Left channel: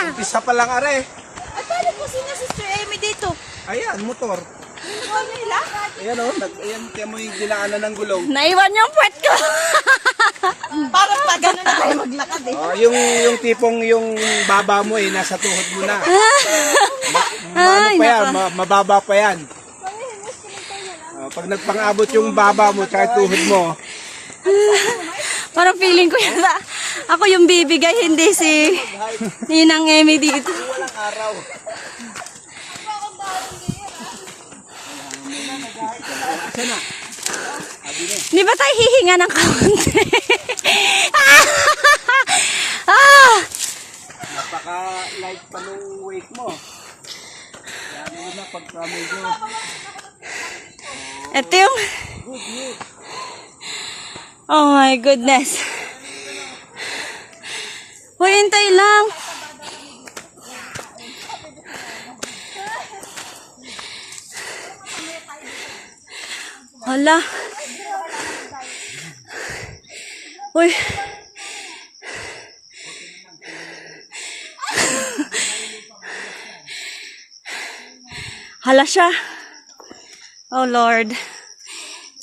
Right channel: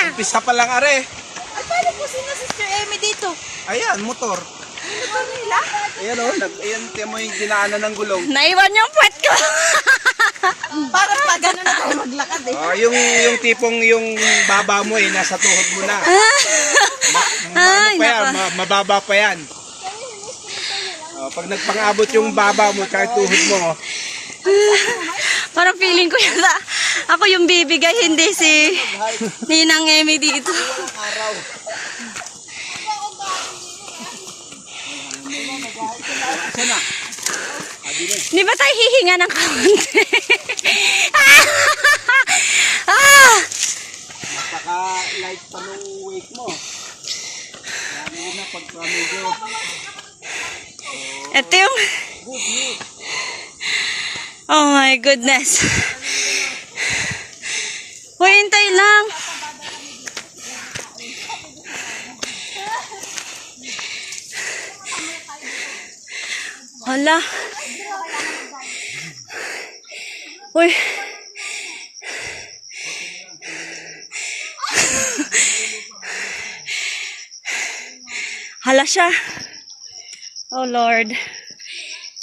Umpisa pa lang are. Ay, paano po sina Sister Amy dito? Ayan, motor. Ayan o, ayan, kaya mo yung dinaanan ng gulong. Naiwan yung puwet ko. Parang pa gano'n na tayo maglakad eh. Oh, yung tipong yung baba mo nasa tuhod mo na. Ay, Ano pa yan, nako. mababa pa yan. Pag nagpang-abot yung baba mo kahit tuhod mo, Parang feeling ko yata ako yung bibigay, hindi si Ninang Amy dito. araw. Di ba tayo hihinga ng kaunti? Ah! Napaka-light pa nung weight mo. Lalo na pagka medyo Ito yung... Oh my goodness. Hoy, hintay lang. Hala. Uy. Hala siya. Oh Lord.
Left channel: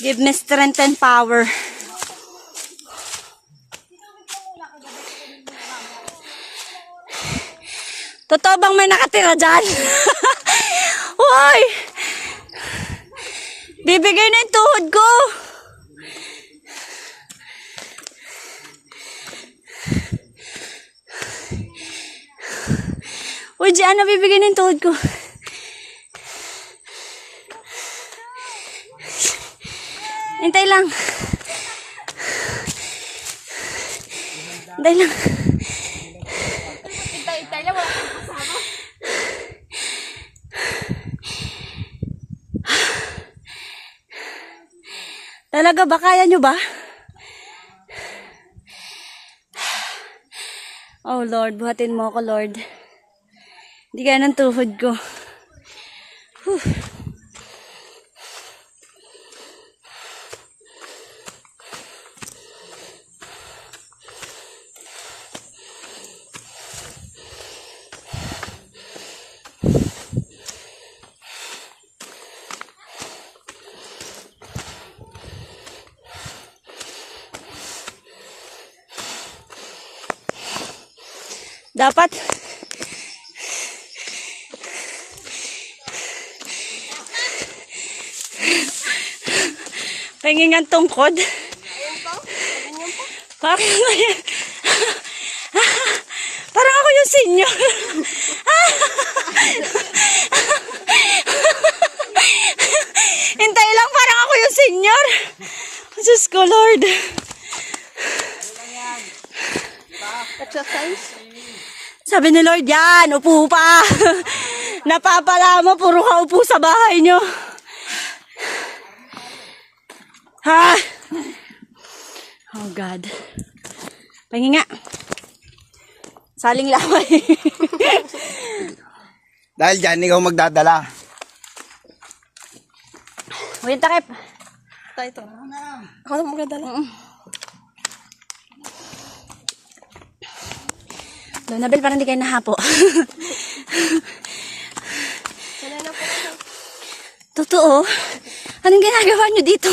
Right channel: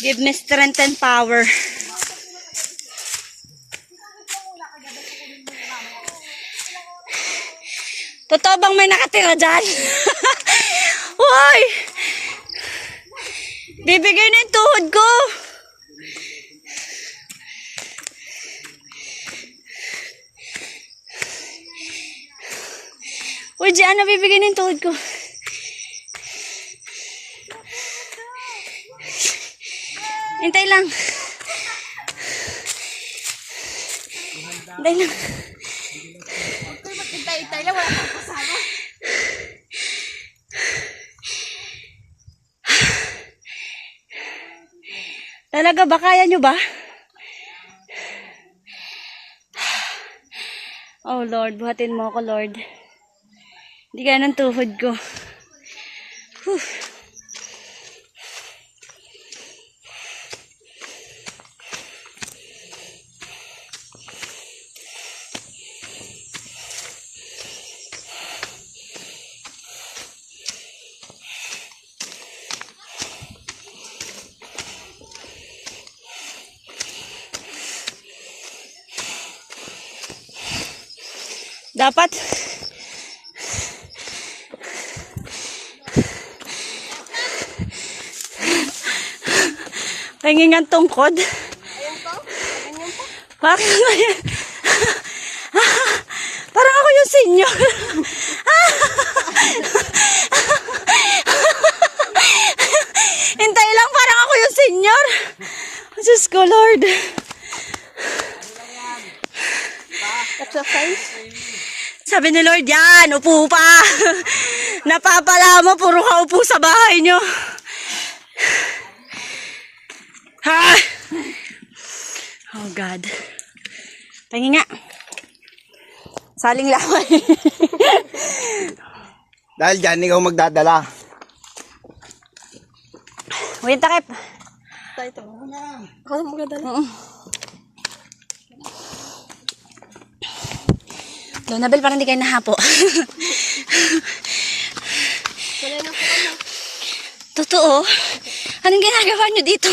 Give me strength and power. Totoo bang may nakatira dyan? Uy! Bibigay na yung tuhod ko. Uy, Diyan na bibigay na yung tuhod ko. Hintay lang. Hintay lang. Hintay lang. Talaga ba? Kaya nyo ba? Oh Lord, buhatin mo ako Lord. Hindi kaya ng tuhod ko. Whew. Dapat pahingan tungkod. Parang parang ako yung senior. Hintay lang, parang ako yung senior. Diyos ko, Lord. Exercise? Sabi ni Lord, yan, upo pa. Napapala mo, puro ka upo sa bahay nyo. Ha? Oh God. Tingin nga. Saling laway. dahil dyan, ikaw magdadala. Uy, takip. Tayo ito. Ako na magdadala. Donabel, parang hindi kayo nahapo. Wala na po. Totoo? Anong ginagawa nyo dito?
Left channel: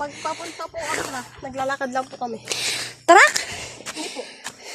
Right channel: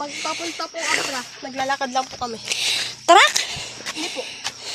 Pag papunta po ako na, naglalakad lang po kami. Tarak? Hindi po.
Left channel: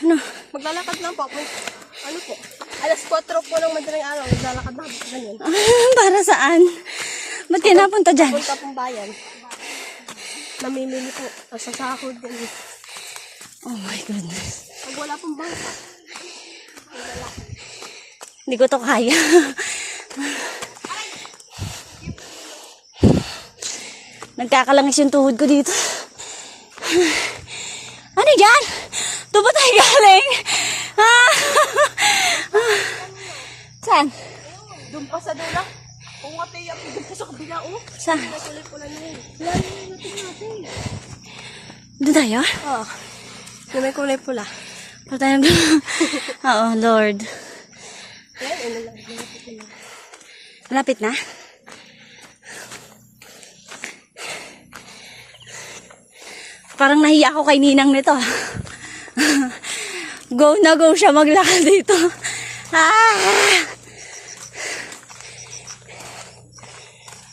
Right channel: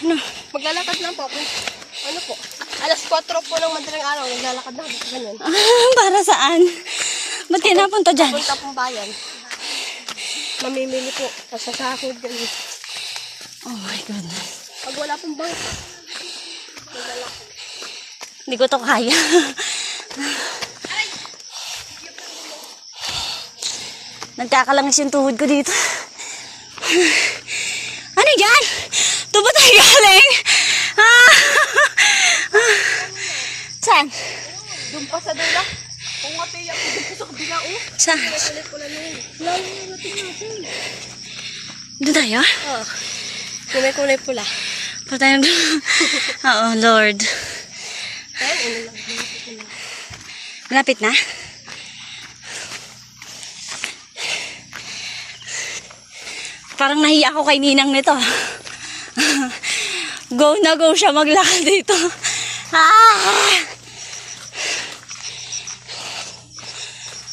Ano? Maglalakad lang po. Ano po? Alas 4 po ng madaling araw, naglalakad lang. Ganyan. Para saan? Ba't kayo napunta dyan? Punta pong bayan. Namimili po. Sa sahod, ganyan. Oh my goodness. Pag wala pong bangka. Hindi ko to kaya. Nagkakalangis yung tuhod ko dito. Ano yan? Ito ba tayo galing? Ah! Saan? Doon pa sa dula. Kung nga tayo, doon pa sa kabila, oh. Saan? Kulit ko lang yun. Wala yung natin natin. Doon tayo? Oh. Kulay pula. Patay na. Oo, Lord. Ay, Malapit na? Parang nahiya ako kay Ninang nito. Go na go siya maglakad dito. Ah!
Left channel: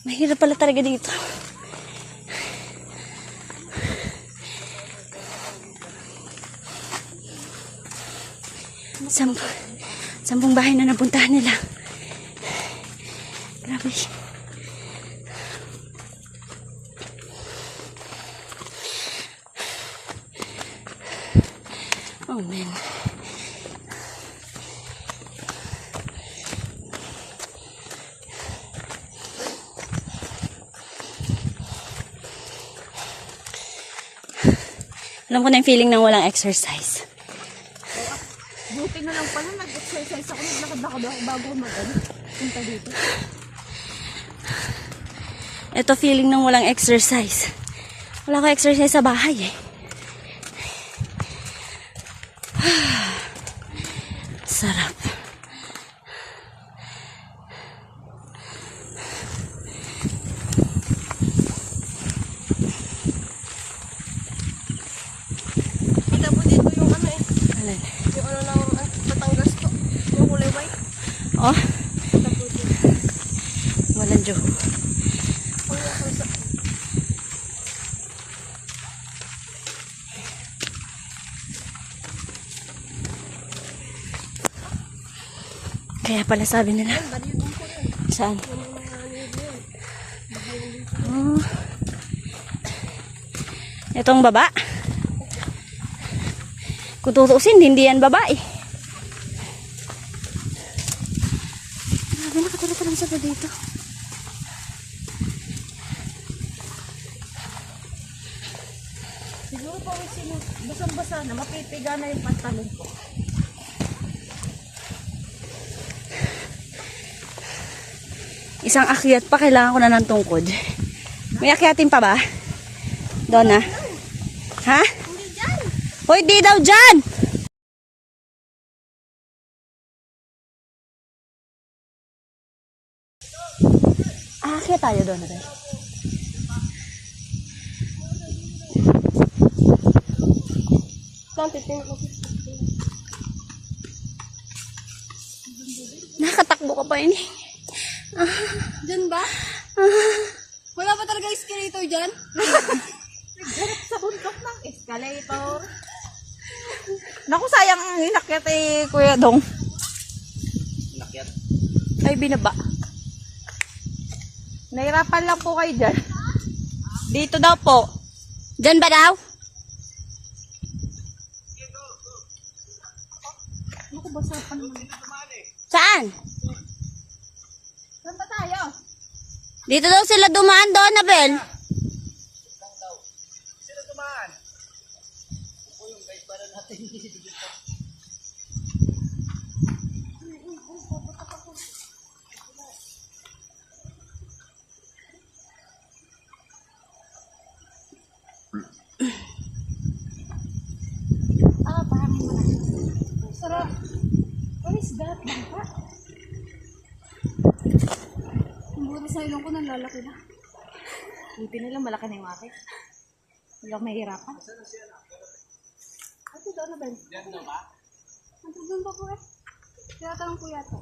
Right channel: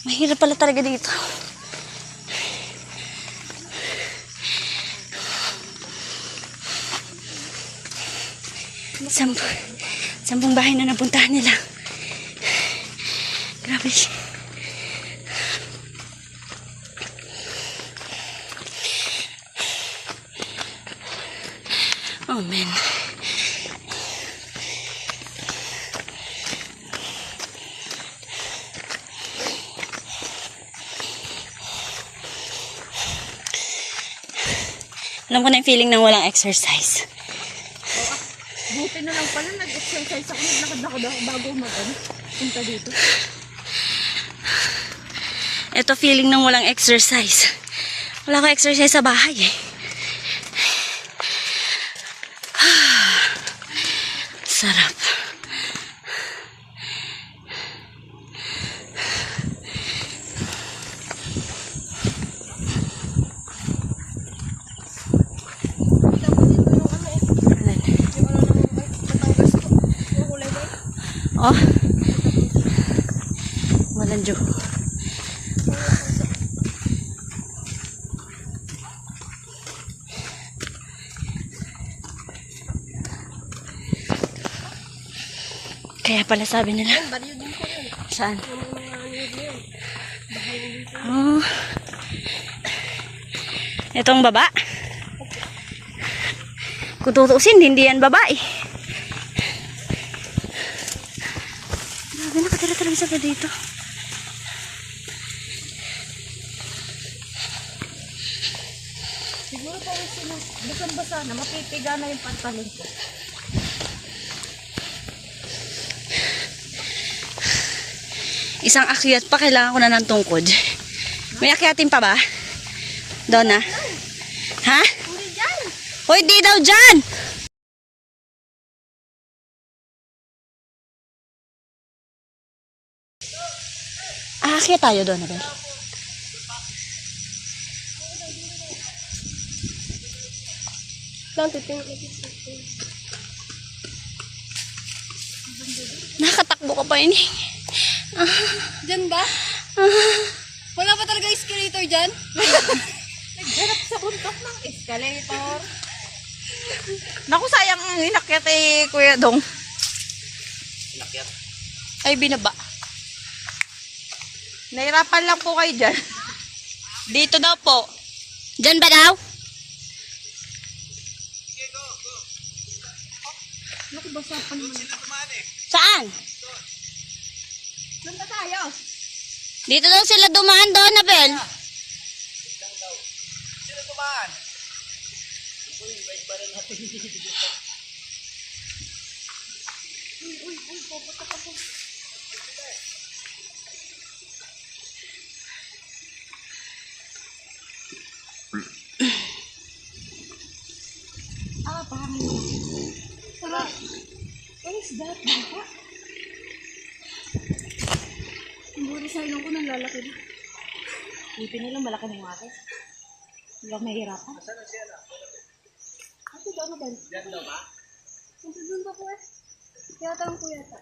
Mahirap pala talaga dito. Sampung bahay na napuntahan nila. Grabe siya. Oh man. Alam ko na yung feeling ng walang exercise. Buti na lang pala nag-exercise ako. Naglakad ako bago punta dito. Ito feeling ng walang exercise. Wala ko exercise sa bahay eh. Sarap. Kita mo dito yung ano eh. Alin? Yung ano ng Batangas to. Yung kulay white. Oh. Walang Diyo. Kaya pala sabi nila. Yan, baryo din po yun. Saan? Yung mga niyog yun. Oh. Itong baba. Kung tutusin, hindi yan babae. Grabe, nakatira talaga sa dito. Siguro pa rin basang-basa na mapipiga na yung pantalon ko. Isang akyat pa, kailangan ko na ng tungkod. May akyatin pa ba? Doon na. Ha? Hindi dyan! Hoy, di daw dyan! Aakyat tayo doon, Abel. Lang, titingin ko. Nakatakbo ka pa ini. Dyan ba? Wala pa talaga escalator dyan? Nagharap sa bundok ng escalator. Naku, sayang ang inakyat eh, Kuya Dong. Inakyat. Ay, binaba. Nahirapan lang po kayo dyan. Dito daw po. Dyan ba daw? Naku, basahan mo. Saan? Saan ba tayo? Dito daw sila dumaan doon, Abel. Sino tumaan? Ito yung bike para natin. Pahangin mo lang. Sarap. What is that? Bangka? Yung buhay sa ilong ko nang lalaki na. Ipin nila, malaki na yung ate. Hindi ako mahirapan. Ito doon na ba? Diyan daw ba? Ito doon ba po eh? Tinatanong ko yata.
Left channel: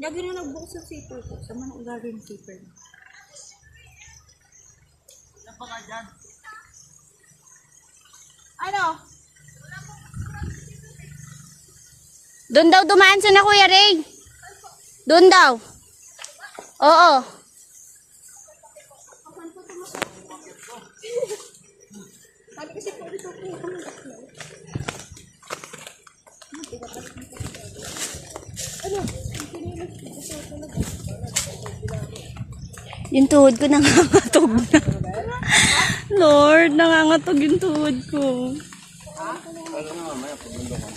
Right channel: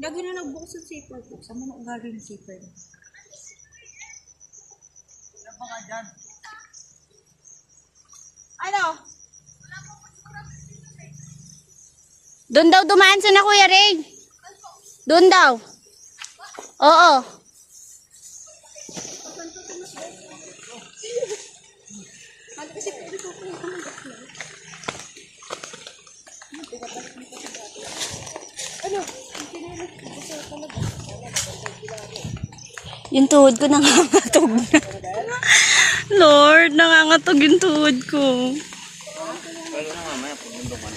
Gagawin na nagbukas yung zipper ko. Sama na gagawin yung zipper. Diyan pa nga dyan. Ano? Doon daw dumaan si na Kuya Ray. Doon daw. Oo. Yung tuhod ko nangangatog na. Lord, nangangatog yung tuhod ko. Pero na mamaya pagbundukan.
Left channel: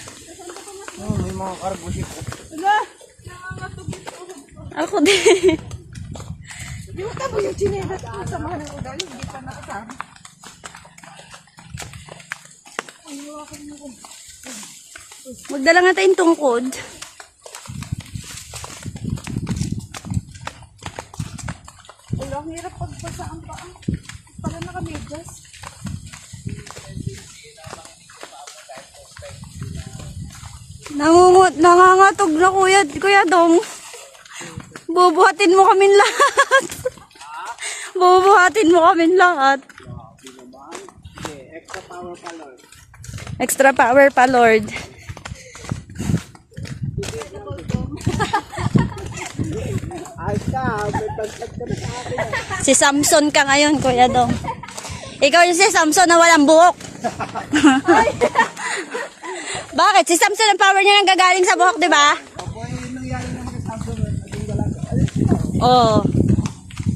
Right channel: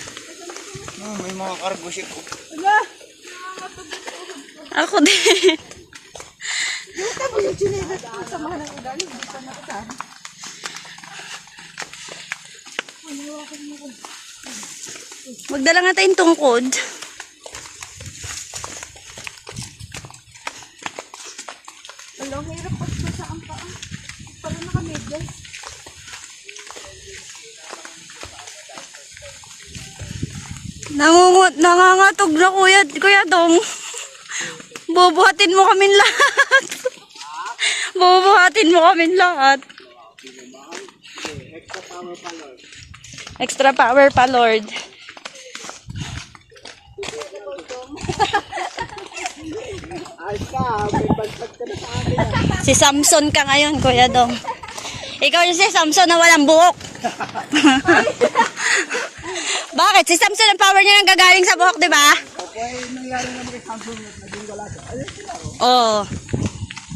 Oh, may mga cargo ship ko. Ako din. Yung tabo yung chinelas ko sa mga ng ugali. Hindi pa nakasama. Magdala nga tayong tungkod. Wala, ang hirap pa ang paa. Pala naka-medyas. Nangangatog na Kuya Dong. Bubuhatin mo kami lahat. Bubuhatin mo kami lahat. Extra power pa, Lord. Ayos ka, may bagsag ka na sa akin. Si Samson ka ngayon, Kuya Dong. Ikaw yung si Samson na walang buhok. Bakit? Si Samson ang power niya nang gagaling sa buhok, di ba? Opo, nangyari naman kay Samson, naging galaga. Oo.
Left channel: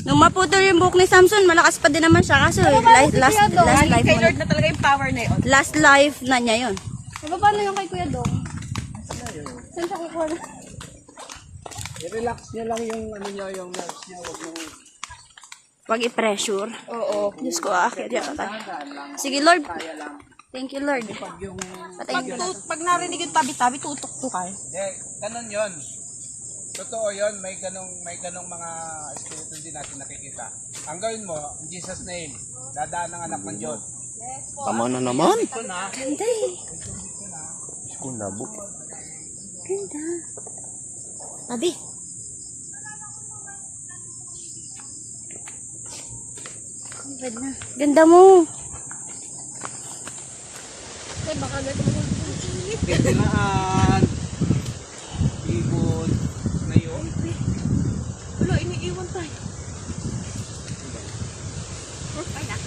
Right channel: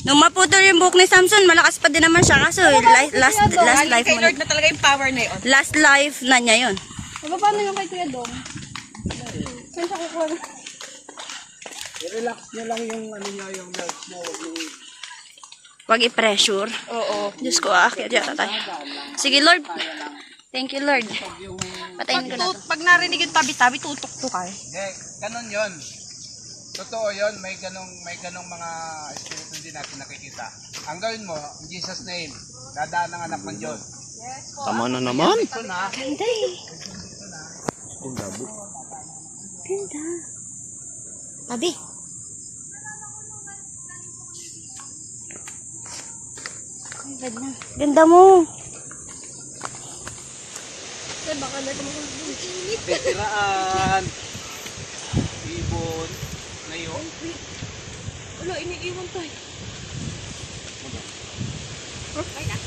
Nung maputol yung buhok ni Samson, malakas pa din naman siya. Kaso last life Kay mo Lord na talaga yung power na yun. last life na niya yun. Paano yung kay Kuya Dong? Saan siya kukuha na? I-relax niya lang yung ano niya, yung nerves niya, wag mong Wag i-pressure. Oo. Diyos ko, aakyat yata tayo. Sige, Lord. Thank you, Lord. Patayin ko na to. Pag narinig yung tabi-tabi, tutok-tuk ka. Hindi, ganun yun. Totoo yun, may ganong mga espiritu din natin nakikita. Ang gawin mo, in Jesus name, dadaan ang anak ng Diyos. Tama na naman. Ito na. Ganda eh. Ganda. Abi. Ay, bad na. Ganda mo. Ay, baka na naman yung init. Titiraan. Ibon. Na yun. Wala, iniiwan tayo. Ay na.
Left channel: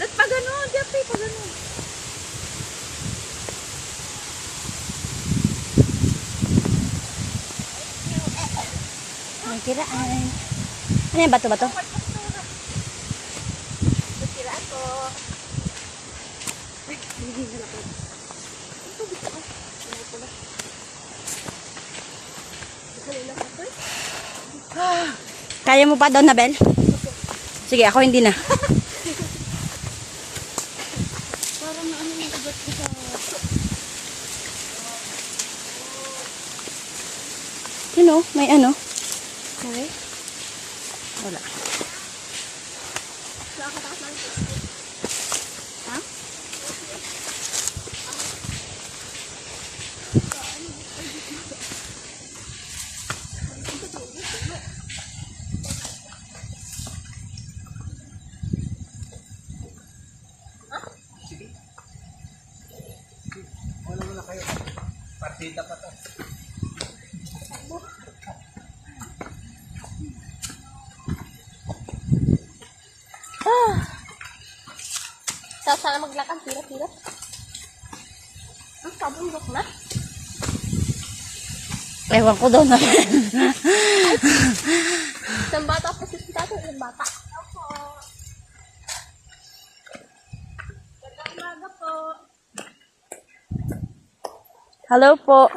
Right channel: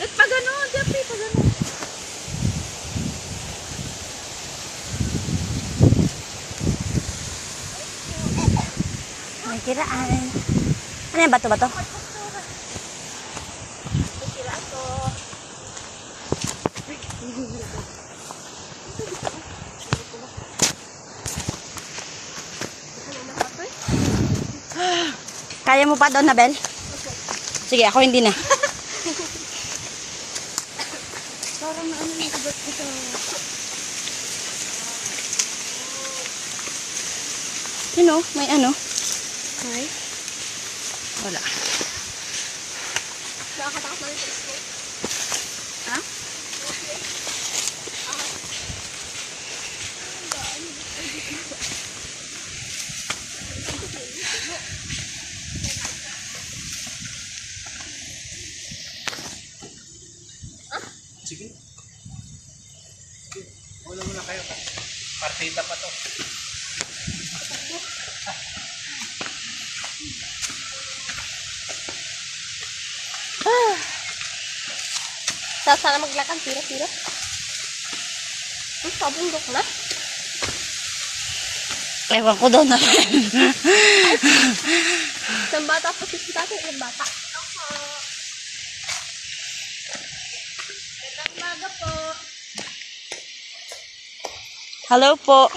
At pag ano, Jeffrey, pag ano. Ang tiraan. Ano yan? Bato-bato? Kaya mo pa daw, Nabel? Sige, ako hindi na. Parang na ano yung ugat ko sa... Ano? May ano? Okay. Wala. Nakakatakot na rin. Ha? Sige. Sige. Wala muna kayo. Partida pa to. Sana maglakad, tira-tira. Ang sabong dok na. Ewan ko daw, Nabel. Isang bata po si tatay, ilang bata. Gandang umaga po. Hello po.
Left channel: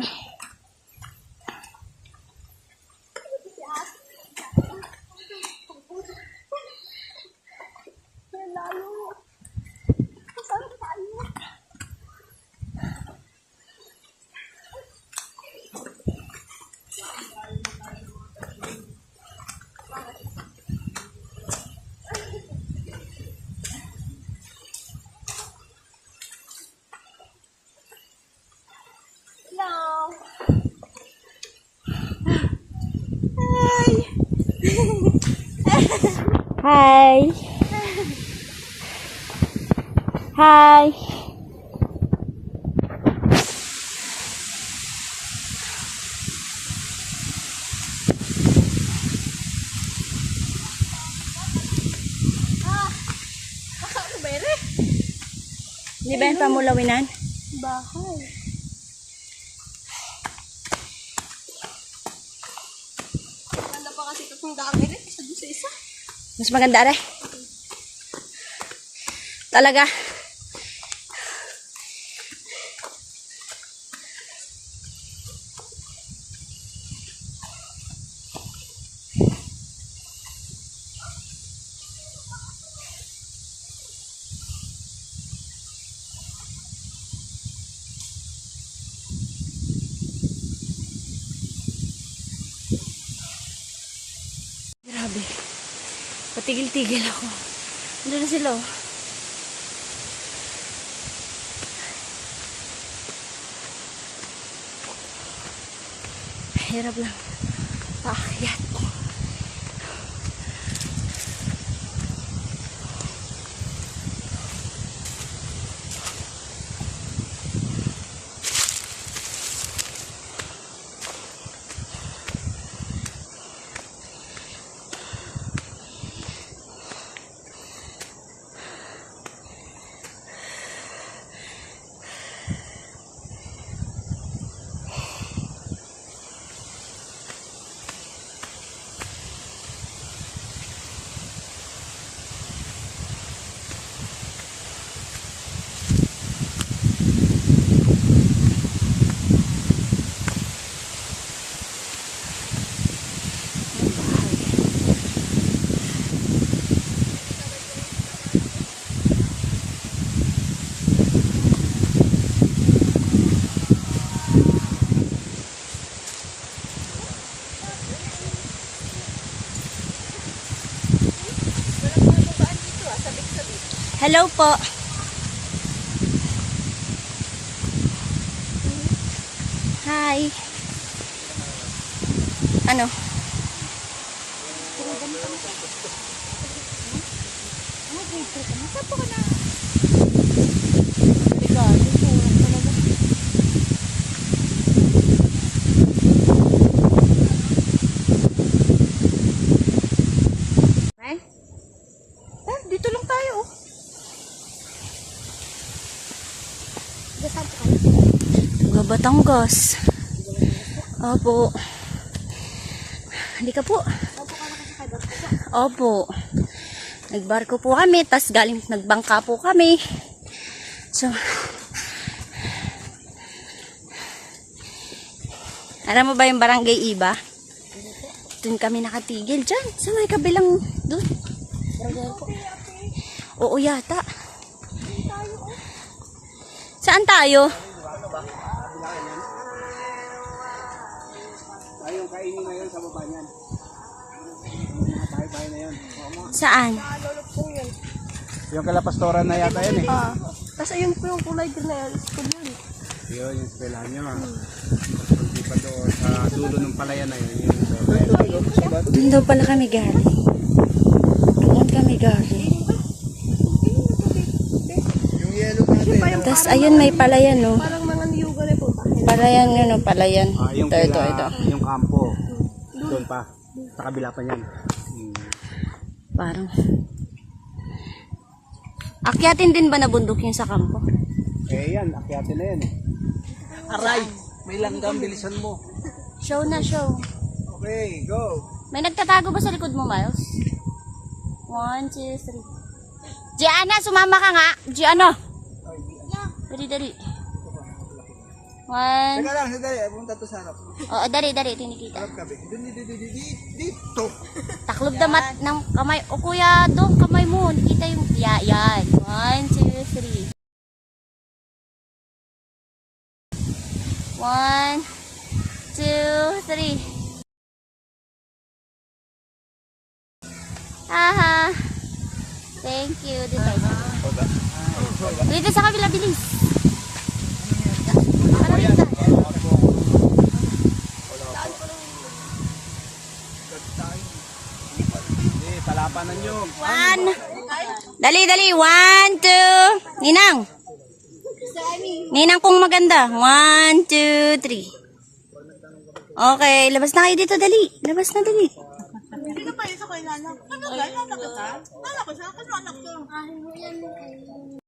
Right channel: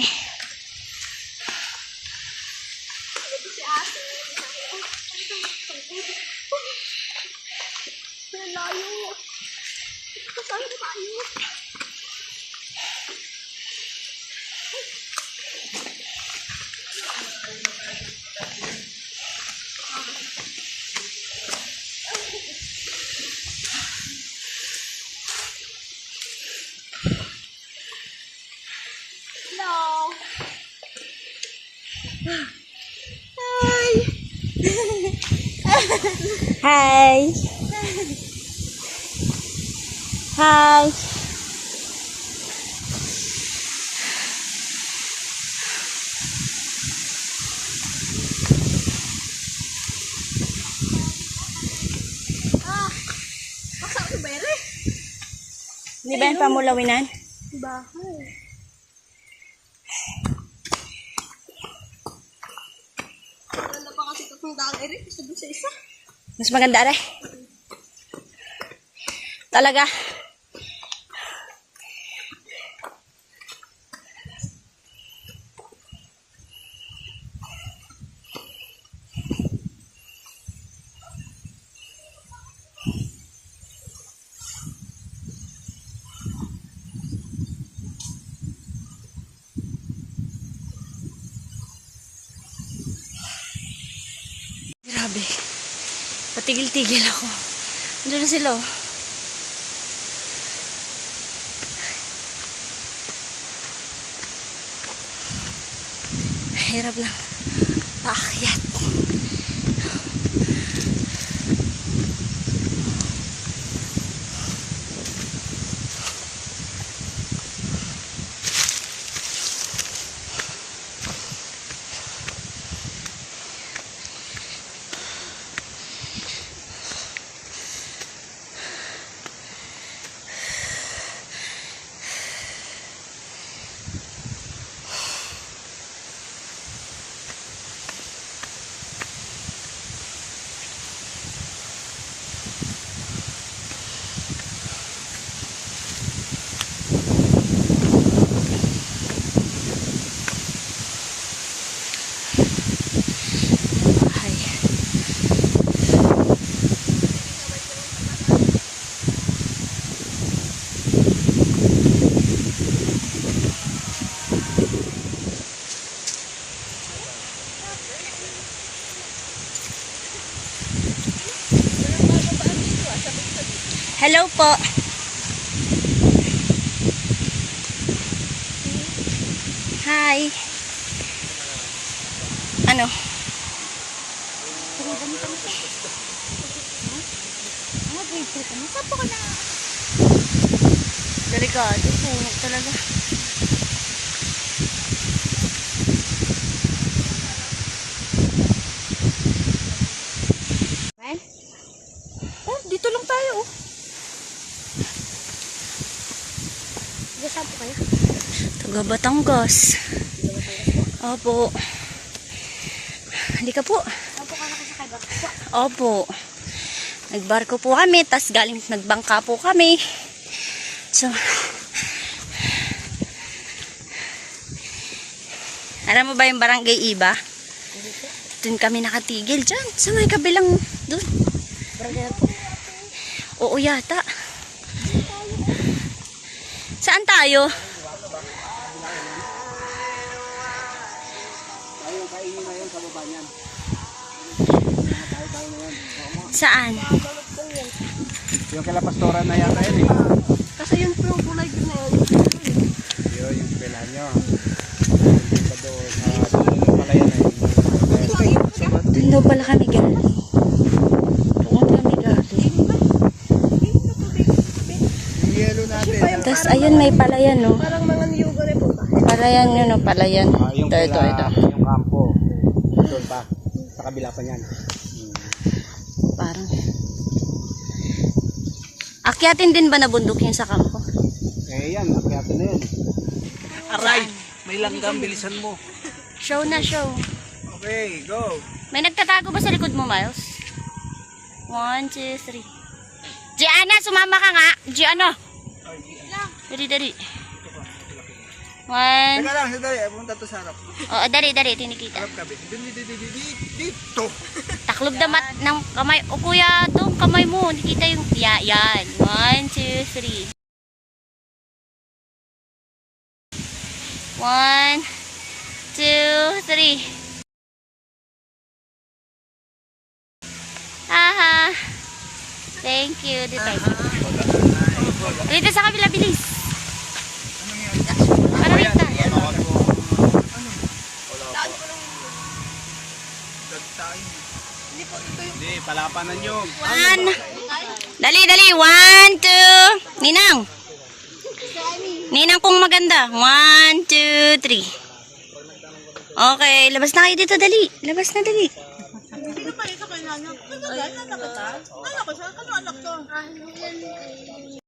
Ang layo. Saan tayo? Hello. Hi. Hi. Asa ko bere? Di ba yung pamulawinan? Bahay. Wala pa kasi itong daan rin. Isa doon sa isa. Mas maganda rin. Talaga. Grabe. Patigil-tigil ako. Andun na sila, oh. Hirap lang. Paakyat. Hello po. Hi. Ano? Delikado po talaga. Man? Oh, dito lang tayo. Oh. Saan po kayo? Taga Batangas. Opo. Hindi ka po. Opo. Nagbarko po kami, tas galing nagbangka po kami. So, alam mo ba yung Barangay Iba? Doon kami nakatigil dyan. Sa may kabilang doon. Oo yata. Saan tayo? Tayong kainin na yun sa baba niyan. Tayo na yun. Saan? Yung kalapastora na yata yun eh. Kasi yun po yung kulay green na yun. Yun, yung pila nyo. Hindi pa doon. Dulo ng palayan na yun. Doon daw pala kami galing. Doon kami galing. Yung yelo natin. Tapos ayun may palayan no. Parang mga niyuga rin po ba? Palayan yun no, palayan. Yung Ito. Yung kampo. Doon pa. Sa kabila pa yan. Parang. Akyatin din ba na bundok yung sa kampo? Eh yan, makiyatin na yan. Aray! May langgam, bilisan mo. Show na show. Okay, go! May nagtatago ba sa likod mo, Miles? 1, 2, 3. Gianna, sumama ka nga. Gianna. Dari. 1. Teka lang, sandali. Punta to sa harap. Oo, dari, tinikita. Harap kabi. Dito! Taklob na mat ng kamay. O kuya, doon kamay mo. Nakita yung, yan. 1, 2, 3. 1, 2, 3. Aha. Thank you. Dito sa kabila, bilis. Para rito. Hindi, palapanan nyo. 1. Dali. 1, 2. Ninang. Ninang pong maganda. 1, 2, 3. Okay, labas na kayo dito, dali. Labas na, dali. Hindi na pa ito kay Nana. Ano ba? Nana kita? Nana ko siya? Ano anak to? Ah, yan.